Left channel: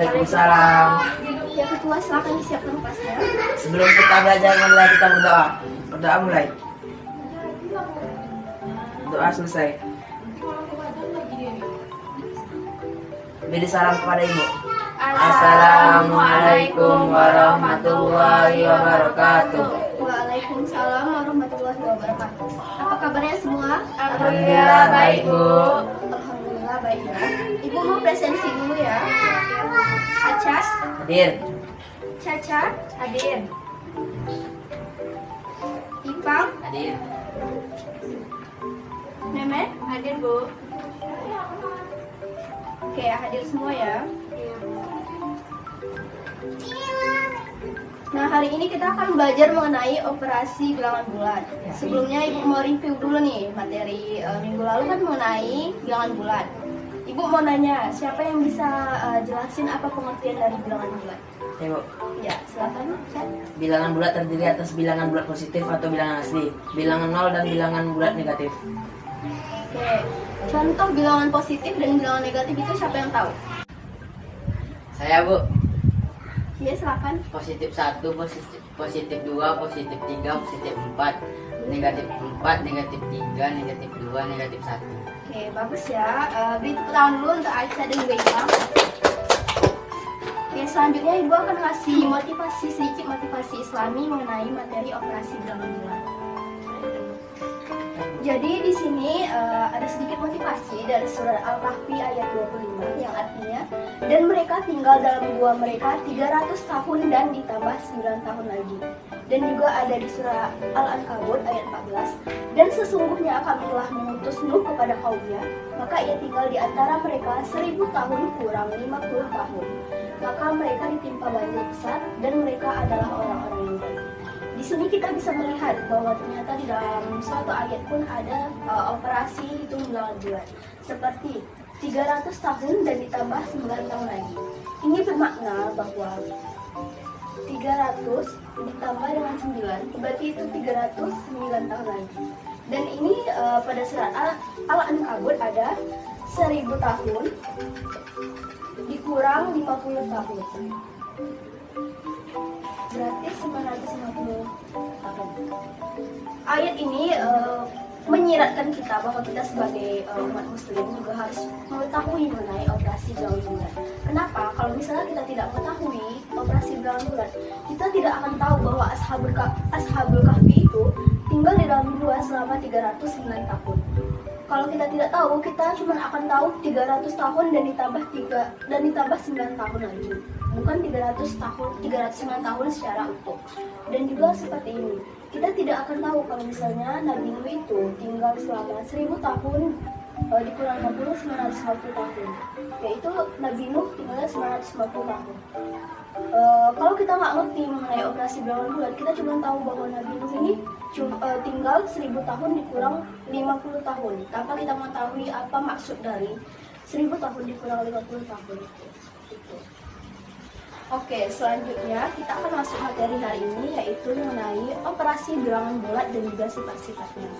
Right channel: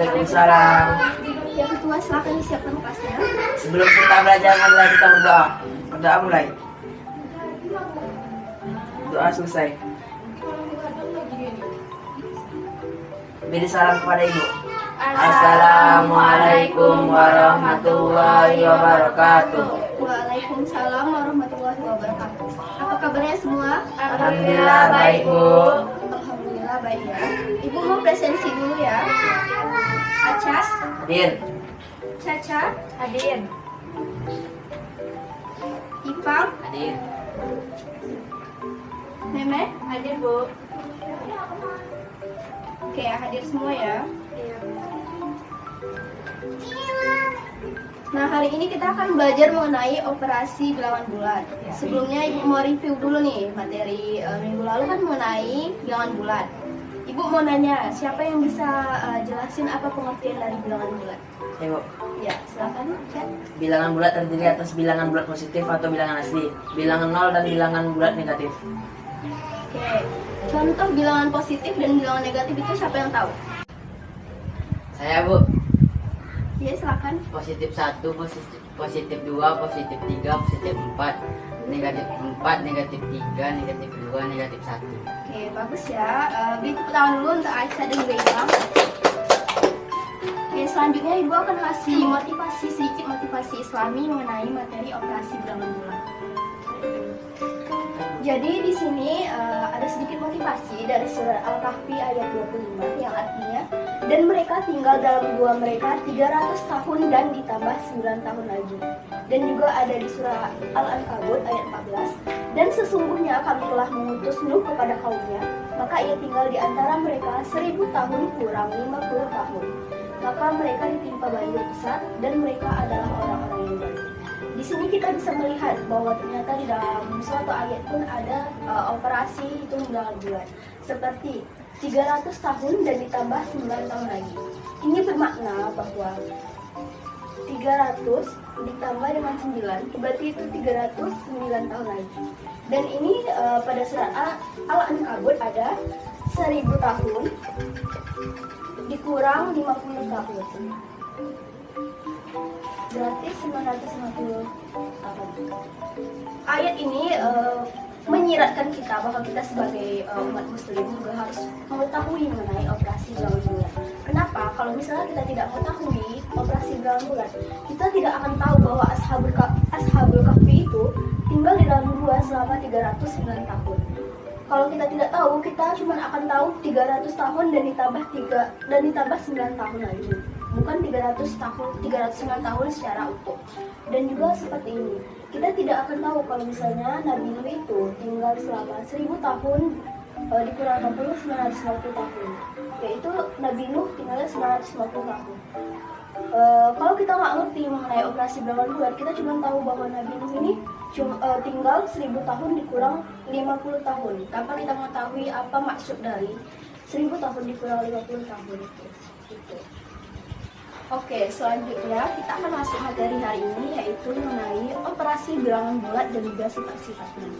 Waalaikumsalam. Ya ketua, silakan disiapkan kelasnya. Sebelum kita belajar, marilah kita berdoa. Berdoa mulai. Doa selesai. Beri salam kepada ibu. Assalamualaikum warahmatullahi wabarakatuh. Waalaikumsalam warahmatullahi wabarakatuh. Apa kabarnya semua? Alhamdulillah baik, Bu. Alhamdulillah baik ya. Ibu mau presensi dulu ya. Aca, Hadir. Caca, hadir. Ipang, Hadir. Meme, hadir Bu. Oke, hadir semua ya. Nah, hari ini kita akan belajar mengenai operasi bilangan bulat. Sebelumnya Ibu mau review dulu nih materi minggu lalu kan mengenai bilangan bulat. Ibu mau nanya, siapa yang bisa jelasin apa pengertian dari bilangan bulat? Ibu. Ya, silakan, Cak. Bilangan bulat terdiri atas bilangan bulat positif atau bilangan asli, bilangan nol dan bilangan bulat negatif. Oke, contoh bilangan positif dan bilangan negatif itu siapa yang tahu? Saya, Bu. Ya, silakan. Positif 1, positif 2, positif 3, positif 4, negatif 4, negatif 3, negatif 2, negatif 1. Oke, bagus ya. Beri tepuk tangan dulu untuk Aisyah dan juga Ipang. Oke, selanjutnya Ibu akan ngasih sedikit motivasi Islami mengenai materi operasi bilangan bulat. Jadi di sini ada sedikit motivasi dari surah Al-Kahfi ayat 25 yang artinya, dan mereka tinggal dalam gua mereka 300 tahun dan ditambah 9 tahun lagi. Dan juga ada di surah Al-Ankabut ayat 14, dan sesungguhnya kami telah mengutus Nuh kepada kaumnya, maka ia tinggal di antara mereka 1000 tahun kurang 50 tahun. Maka mereka ditimpa banjir besar dan mereka adalah orang-orang yang baik. Di sini kita bisa melihat bahwa ternyata di dalam suatu ayat pun ada operasi hitung bilangan bulat seperti 300 tahun dan ditambah 9 tahun lagi. Ini bermakna bahwa 300 ditambah dengan 9 berarti itu 309 tahun lagi. Dan ini pada surat Al-Ankabut ada 1000 tahun dikurang 50 tahun. Berarti 950 tahun. Ayat ini menyiratkan kita bahwa kita sebagai umat muslim juga harus mengetahui mengenai operasi bilangan bulat. Kenapa? Kalau misalnya kita tidak mengetahui operasi bilangan bulat, kita tidak akan tahu bahwa Ashabul Kahfi itu tinggal di dalam gua selama 309 tahun. Kalau kita tidak tahu, kita cuma akan tahu 300 tahun dan ditambah 9 tahun lagi. Bukan 309 tahun secara utuh. Dan juga seperti ini, kita tidak akan tahu kalau misalnya Nabi Nuh itu tinggal selama 1000 tahun dikurang 50, 950 tahun. Yaitu Nabi Nuh tinggalnya 950 tahun. Kalau kita nggak ngerti mengenai operasi bilangan bulat, kita cuma tahu bahwa Nabi Nuh ini tinggal 1000 tahun dikurang 50 tahun tanpa kita mengetahui apa maksud dari 1000 tahun dikurang 50 tahun itu. Oke, selanjutnya kita akan masuk materi hari ini, yaitu mengenai operasi bilangan bulat dan juga sifat-sifatnya.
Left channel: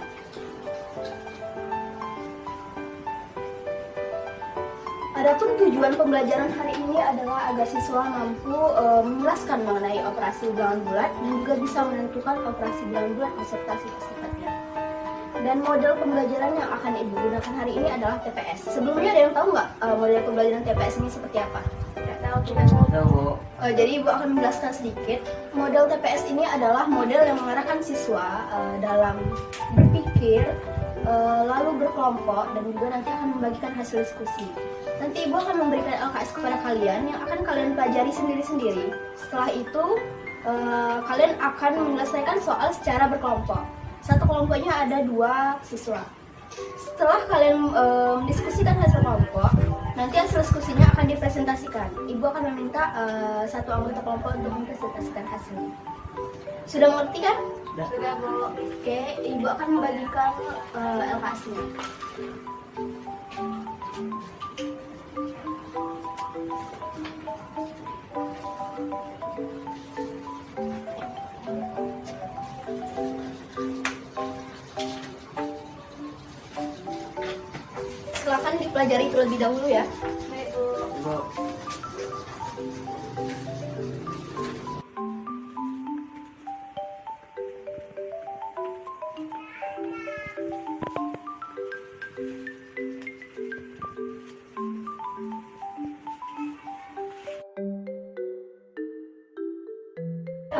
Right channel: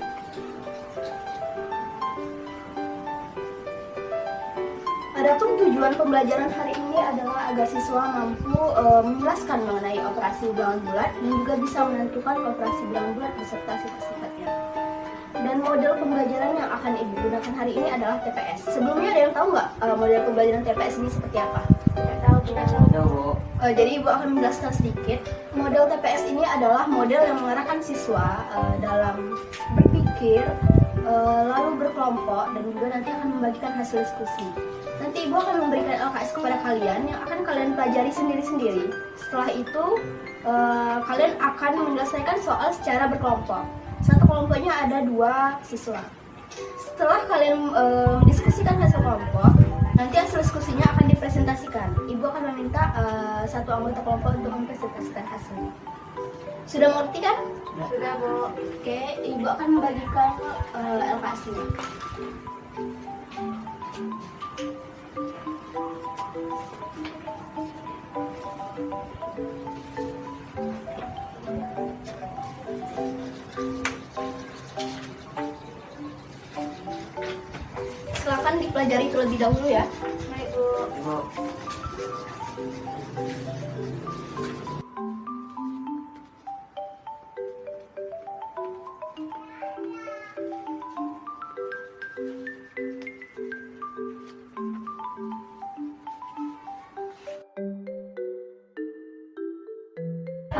Adapun tujuan pembelajaran hari ini adalah agar siswa mampu menjelaskan mengenai operasi bilangan bulat dan juga bisa menentukan operasi bilangan bulat beserta sifat-sifatnya. Dan model pembelajaran yang akan Ibu gunakan hari ini adalah TPS. Sebelumnya ada yang tahu nggak model pembelajaran TPS ini seperti apa? Tidak tahu. Jadi Ibu akan menjelaskan sedikit. Model TPS ini adalah model yang mengarahkan siswa dalam berpikir, lalu berkelompok, dan juga nanti akan membagikan hasil diskusi. Nanti Ibu akan memberikan LKS kepada kalian yang akan kalian pelajari sendiri-sendiri. Setelah itu kalian akan menyelesaikan soal secara berkelompok. Satu kelompoknya ada 2 siswa. Setelah kalian mendiskusikan hasil kelompok, nanti hasil diskusinya akan dipresentasikan. Ibu akan meminta satu anggota kelompok untuk mempresentasikan hasilnya. Sudah mengerti kan? Sudah, Bu. Oke, Ibu akan membagikan LKS-nya. Silakan dipelajari terlebih dahulu ya. Baik, Bu.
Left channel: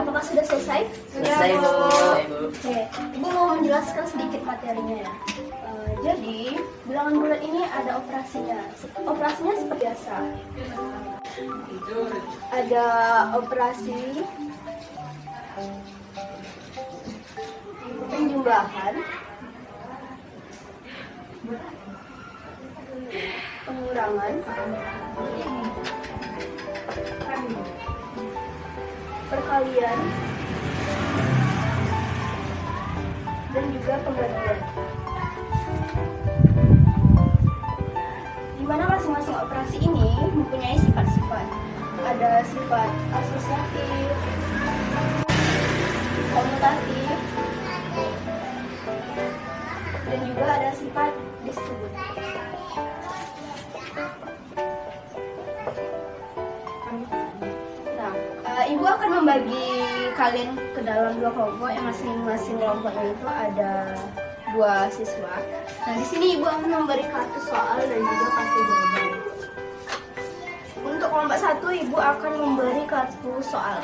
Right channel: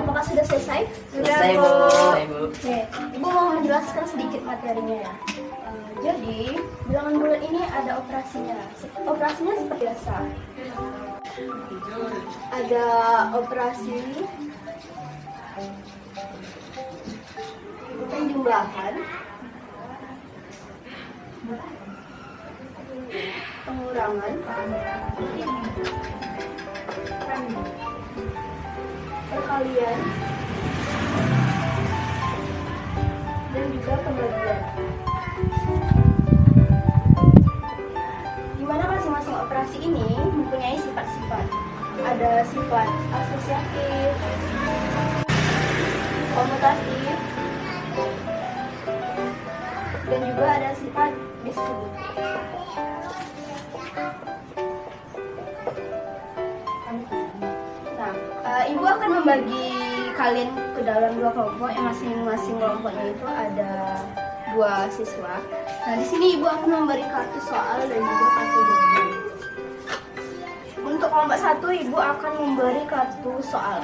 Apakah sudah selesai? Selesai, Bu. Selesai, Bu. Oke, Ibu mau menjelaskan sedikit materinya ya. Jadi, bilangan bulat ini ada operasinya. Operasinya seperti biasa. Ada operasi penjumlahan, pengurangan, perkalian, dan juga pembagian. Di mana masing-masing operasi ini mempunyai sifat-sifat. Ada sifat asosiatif, komutatif, dan juga ada sifat distributif. Nah, Ibu akan membagi kalian ke dalam dua kelompok, yang masing-masing kelompoknya itu ada 2 siswa. Nah, di sini Ibu akan memberi kartu soal dan juga kartu jawaban. Untuk kelompok 1, Ibu akan memberi kartu soal.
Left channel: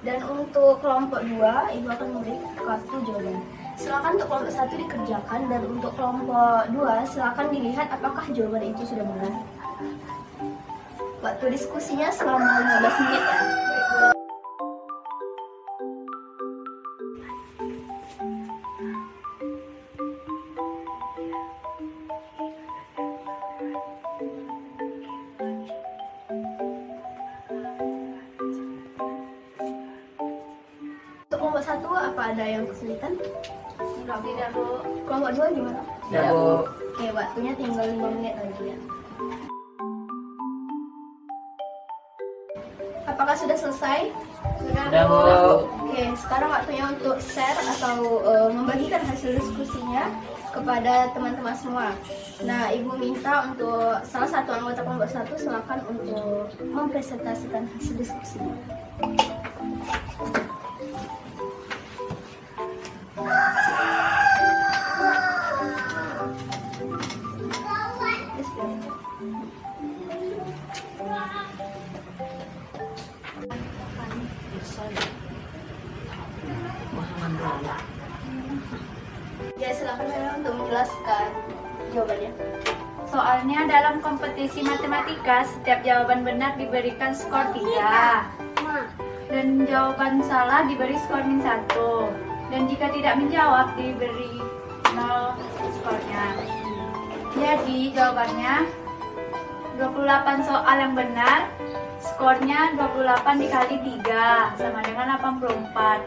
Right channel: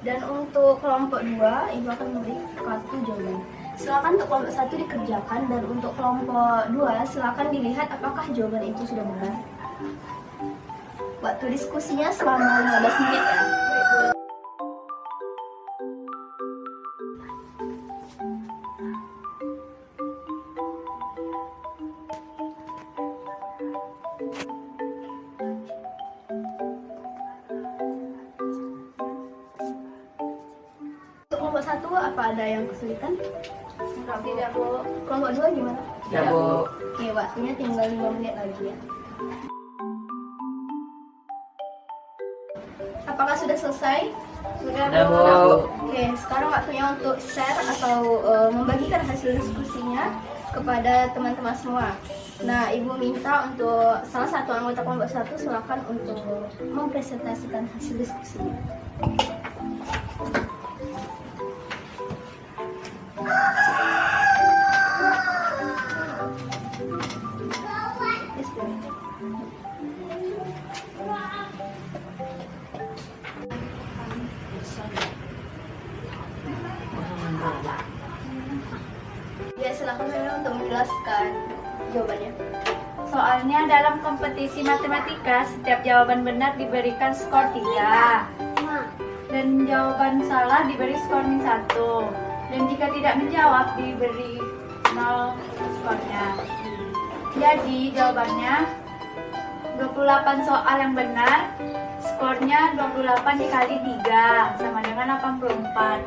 Dan untuk kelompok 2, Ibu akan memberi kartu jawaban. Silakan untuk kelompok 1 dikerjakan, dan untuk kelompok 2 silakan dilihat apakah jawaban itu sudah benar. Waktu diskusinya selama 15 menit ya. Untuk kelompok 1 apa ada yang kesulitan? Enggak, tidak, Bu. Kelompok 2 gimana? Tidak, Bu. Oke, waktunya tinggal 5 menit lagi ya. Apakah sudah selesai? Sudah, Bu. Oke, sekarang waktunya untuk share atau membagikan hasil diskusinya kepada teman-teman semua. Nah, Ibu minta untuk salah satu anggota kelompok 1 silakan untuk mempresentasikan hasil diskusinya. Ya, silakan Nana untuk menjelaskan jawabannya. Soalnya dalam kompetisi matematika, setiap jawaban benar diberikan skor 3. Dan jawaban salah diberi skor -1. Dan jika tidak menjawab diberi 0 skornya. Jadi jawabannya 28 soal yang benar, skornya 28 dikali 3 sama dengan 84.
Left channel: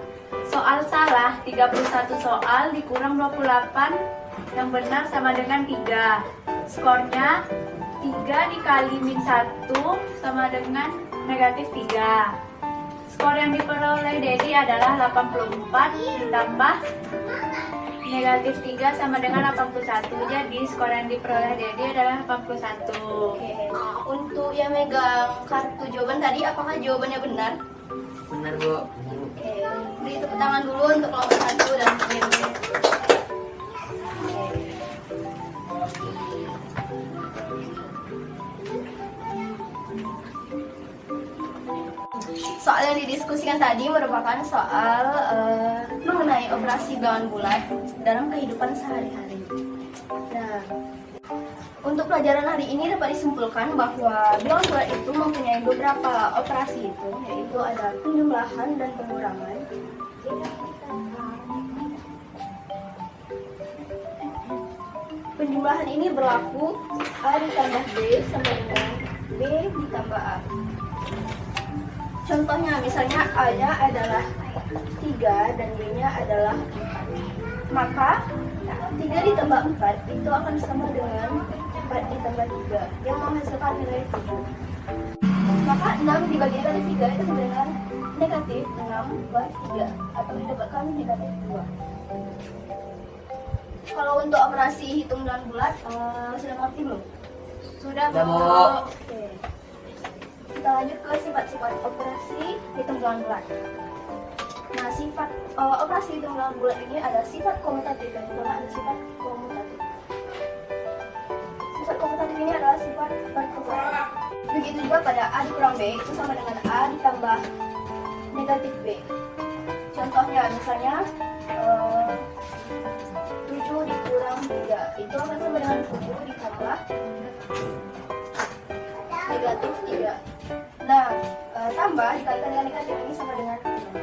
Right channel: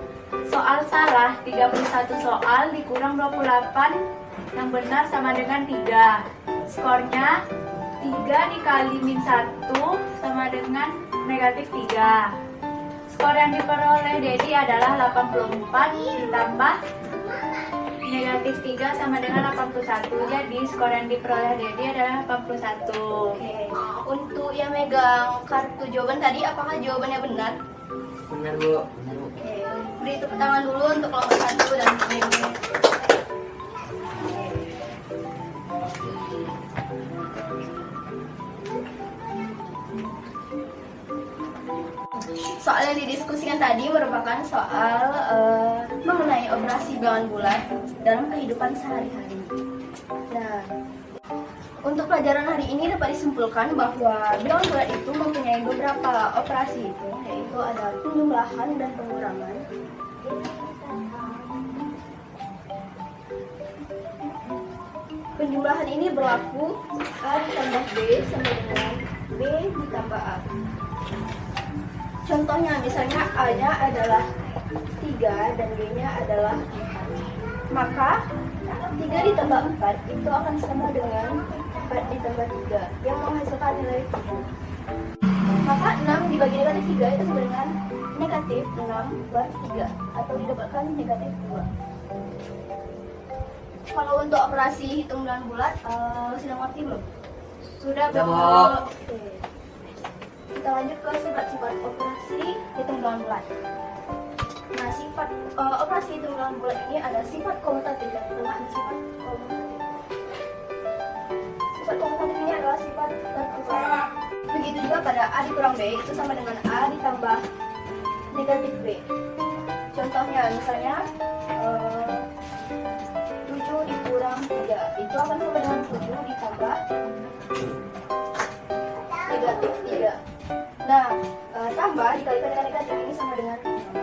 Soal salah 31 soal dikurang 28 yang benar sama dengan 3. Skornya 3 dikali -1 sama dengan -3. Skor yang diperoleh Dedi adalah 84 ditambah -3 sama dengan 81. Jadi skor yang diperoleh Dedi adalah 81. Oke. Untuk yang megang kartu jawaban tadi, apakah jawabannya benar? Benar, Bu. Oke, beri tepuk tangan dulu untuk kelompok 1 dan Dedi. Soal yang didiskusikan tadi merupakan soal mengenai operasi bilangan bulat dalam kehidupan sehari-hari. Nah, untuk pelajaran hari ini dapat disimpulkan bahwa bilangan bulat itu mempunyai beberapa operasi itu, yaitu ada penjumlahan dan pengurangan. Penjumlahan ini berlaku A ditambah B sama dengan B ditambah A. Contohnya, misalnya A-nya adalah 3 dan B-nya adalah 4. Maka 3 ditambah 4 itu akan sama dengan 4 ditambah 3 yang menghasilkan nilai 7. Maka 6 dibagi dengan 3 itu sama dengan negatif 6 per 3 atau didapatkan negatif 2. Kalau untuk operasi hitung bilangan bulat, sudah mengerti belum? Sudah, Bu. Oke. Kita lanjut ke sifat-sifat operasi hitung bilangan bulat. Nah, sifat operasi hitung bilangan bulat ini ada sifat komutatif dan juga ada sifat komutatif. Sifat komutatif ini adalah sifat bertukar. Begitu juga pada A dikurang B itu sama dengan A ditambah B negatif B. Contohnya misalnya 7 dikurang 3 itu akan sama dengan 7 ditambah negatif 3. Nah, tambah dikalikan dengan negatif ini sama dengan 6.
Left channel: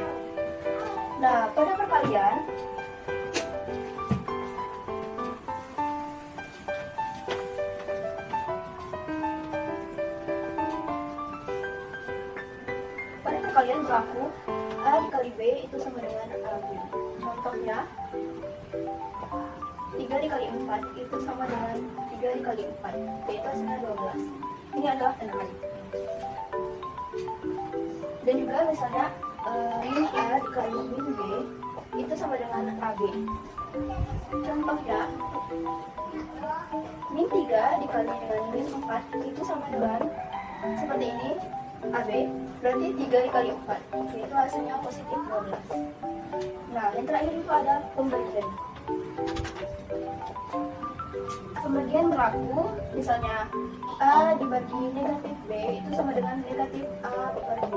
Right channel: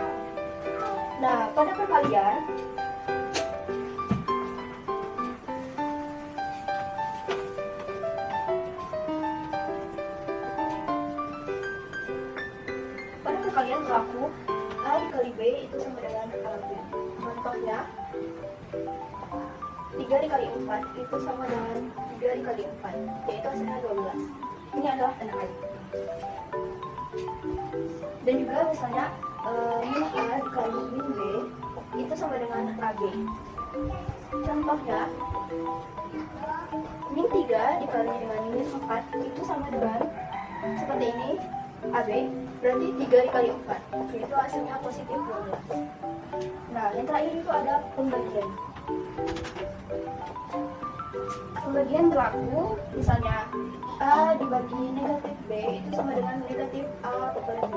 Nah, pada perkalian berlaku A dikali B itu sama dengan AB. Contohnya 3 dikali 4 itu sama dengan 3 dikali 4, yaitu hasilnya 12. Ini adalah 6. Dan juga misalnya min A dikali min B itu sama dengan AB. Contohnya min 3 dikali dengan min 4 itu sama dengan seperti ini, AB berarti 3 dikali 4, yaitu hasilnya positif 12. Nah, yang terakhir itu ada pembagian. Pembagian berlaku misalnya A dibagi negatif B itu sama dengan negatif A per B.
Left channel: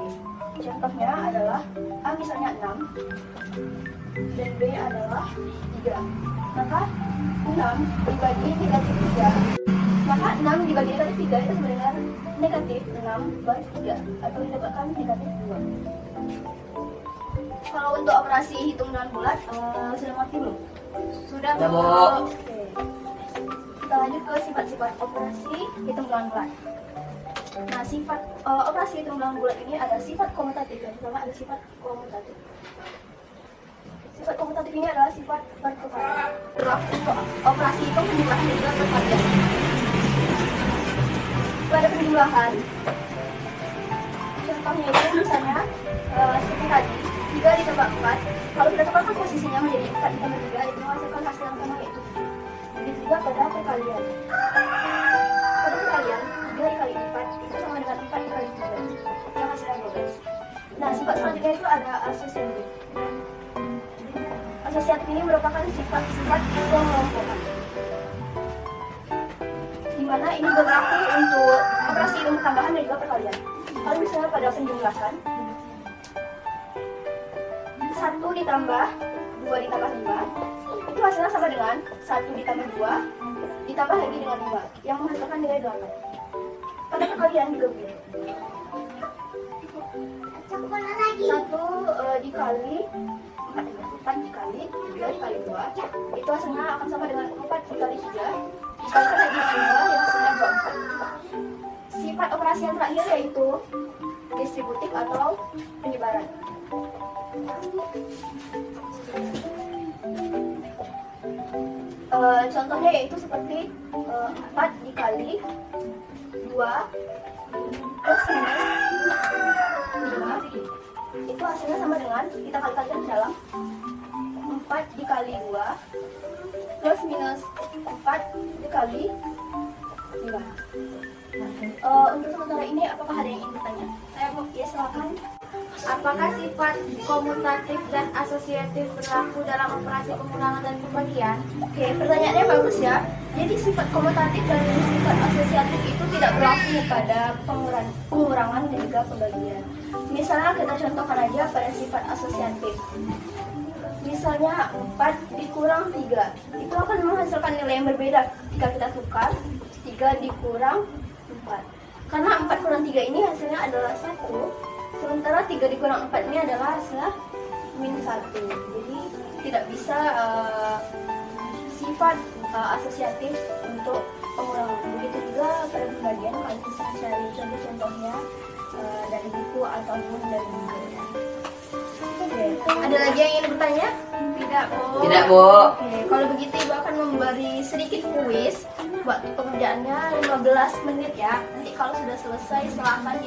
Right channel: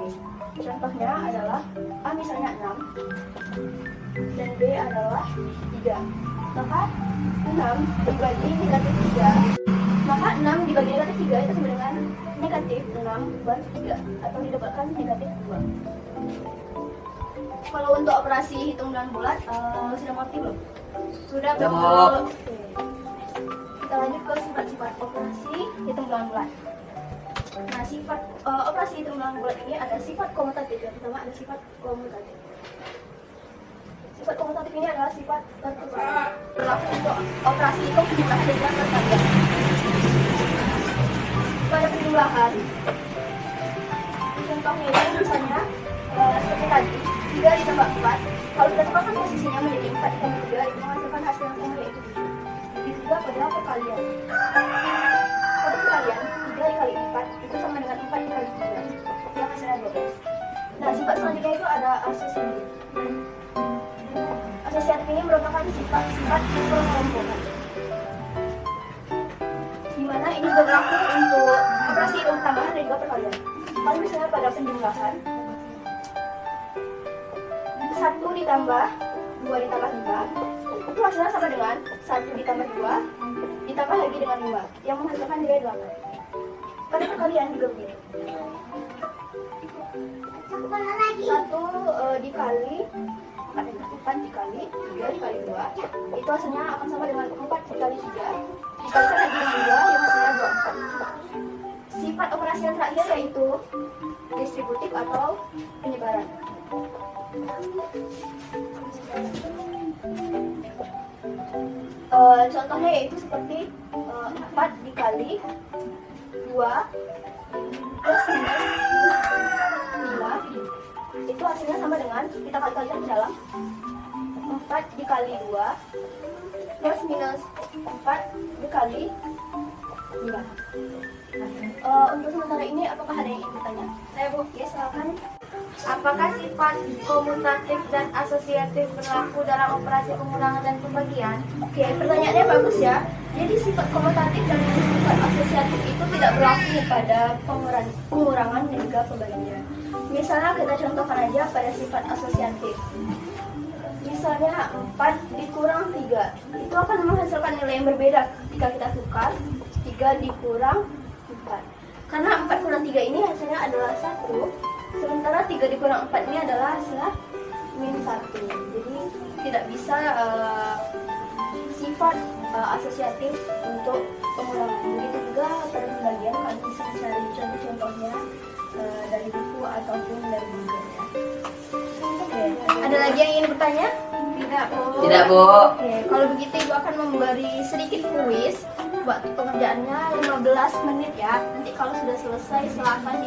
Contohnya adalah A misalnya 6 dan B adalah 3. Maka 6 dibagi negatif 3, maka 6 dibagi negatif 3 itu sama dengan negatif 6 per 3 atau didapatkan negatif 2. Kalau untuk operasi hitung dengan bulat sudah mengerti belum? Sudah, Sudah, Bu. Bu. Oke. Kita lanjut ke sifat-sifat operasi hitung dengan bulat. Nah, sifat operasi hitung dengan bulat ini ada sifat komutatif. Yang pertama ada sifat komutatif. Sifat komutatif ini adalah sifat berkesan berlaku untuk operasi hitung penjumlahan dan juga perkalian. Pada penjumlahan, contohnya itu misalnya seperti tadi 3 ditambah 4, kalau sudah tepat posisinya menjadi 4 ditambah 3 itu menghasilkan hasil yang sama, yaitu 7. Begitu juga pada perkalian. Pada perkalian 3 dikali 4 itu sama dengan 4 dikali 3 yang hasilnya 12. Nah, sifat selanjutnya itu ada asosiatif. Asosiatif ini merupakan sifat hitung-hitungan, di mana ini berlaku untuk operasi hitung tambahan dan juga perkalian. Kalau misalnya pada penjumlahan 1 ditambah 2 ditambah 5 itu hasilnya sama dengan 1 ditambah 2 ditambah lagi dengan 5 yang menghasilkan nilai 8. Pada perkalian juga begitu. 1 dikali 4 dikali 3 dikali 2 itu hasilnya akan sama dengan 4 dikali 3 dikalikan lagi dengan 2 yang hasilnya 24. Sifat operasi yang terakhir yaitu distributif atau penyebaran. Contohnya yaitu seperti 4 dikali 2 plus minus 5 itu hasilnya sama dengan kita kalikan ke dalam 4 dikali 2 plus minus 4 dikali 5. Untuk sementara ini apakah ada yang ingin bertanya? Saya Bu, ya silakan. Apakah sifat komutatif dan asosiatif berlaku dalam operasi pengurangan dan pembagian? Oke, pertanyaannya bagus ya. Jadi sifat komutatif dan sifat asosiatif itu tidak berlaku pada pengurangan dan juga pembagian. Misalnya kita contohkan aja pada sifat asosiatif. Misalnya 4 dikurang 3 itu akan menghasilkan nilai yang berbeda ketika kita tukar 3 dikurang 4. Karena 4 kurang 3 ini hasilnya adalah 1, sementara 3 dikurang 4 ini adalah hasilnya min 1. Jadi tidak bisa sifat asosiatif untuk pengurangan. Begitu juga pada pembagian, kalau bisa mencari contoh-contohnya dari buku ataupun dari bukunya. Oke, ada lagi yang ingin bertanya? Tidak, Bu. Tidak, Bu. Oke, kalau begitu Ibu akan memberi sedikit kuis. Buat pengerjaannya 15 menit ya. Nanti kalau sudah selesai silakan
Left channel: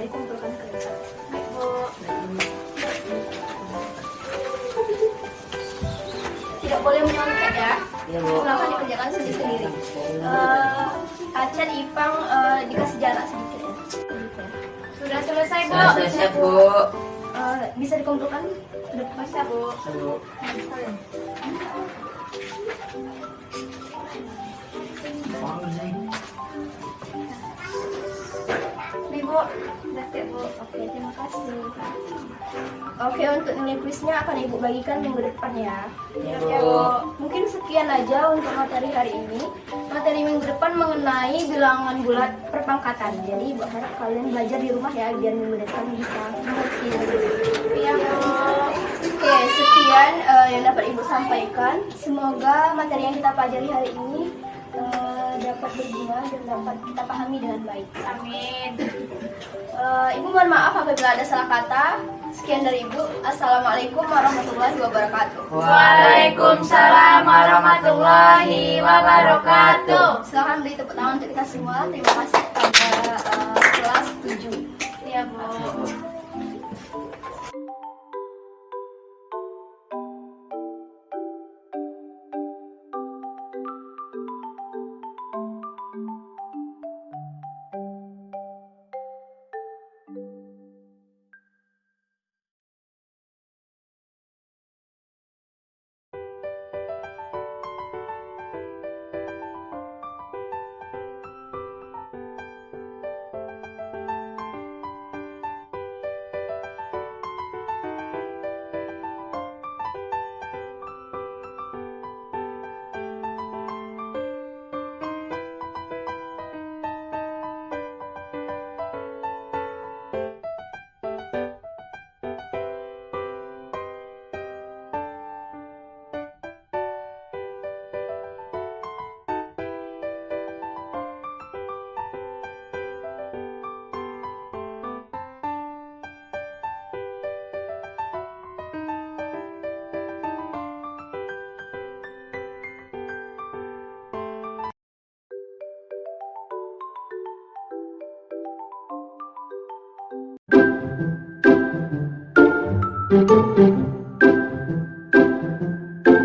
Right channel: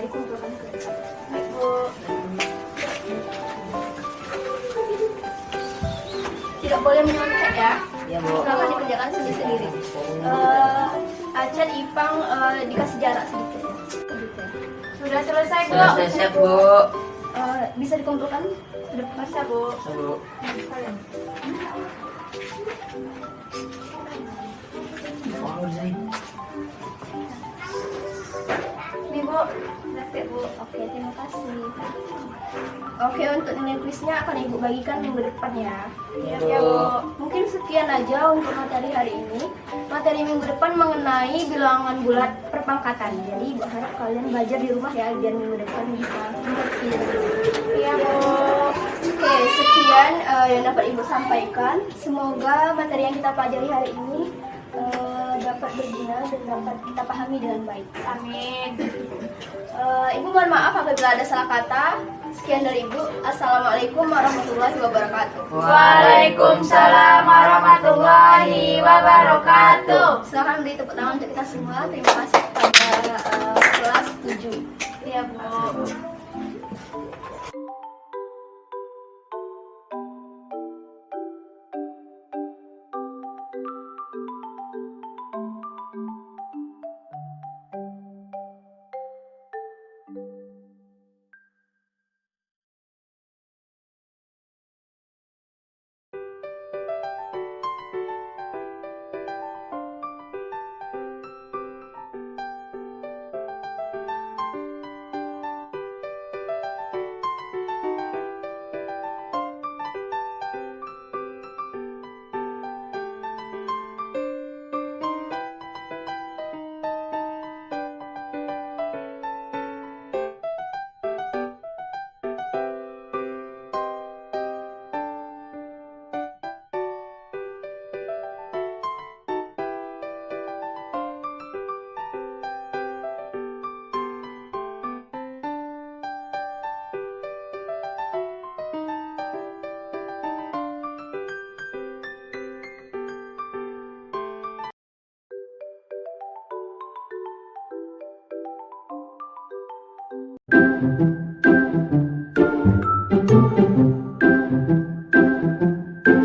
dikumpulkan ke depan. Baik, Bu. Tidak boleh menyontek ya. Ya, Bu. Silakan dikerjakan sendiri-sendiri. Acet, Ipang dikasih jarak sedikit ya. Sudah selesai, Bu. Sudah selesai, Bu. Bisa dikumpulkan? Bisa, Bu. Bu. Kalian. Nih Bu, praktek Bu. Oke, terima kasih. Oke, untuk nilai kuisnya akan Ibu bagikan minggu depan ya. Iya Bu. Mungkin sekian aja untuk materi hari ini. Materi minggu depan mengenai bilangan bulat perpangkatan. Jadi Ibu harap kalian belajar di rumah ya, biar minggu depan bisa mengerti. Iya Bu. Oke, sekian yang dapat Ibu sampaikan. Semoga materi yang kita pelajari hari ini dapat berguna dan dapat kita pahami dengan baik. Amin. Ibu mohon maaf apabila ada salah kata. Sekian dari Ibu. Assalamualaikum warahmatullahi wabarakatuh. Waalaikumsalam warahmatullahi wabarakatuh. Silahkan beri tepuk tangan untuk kita semua. Terima kasih kepada kelas 7. Iya Bu. Thank you.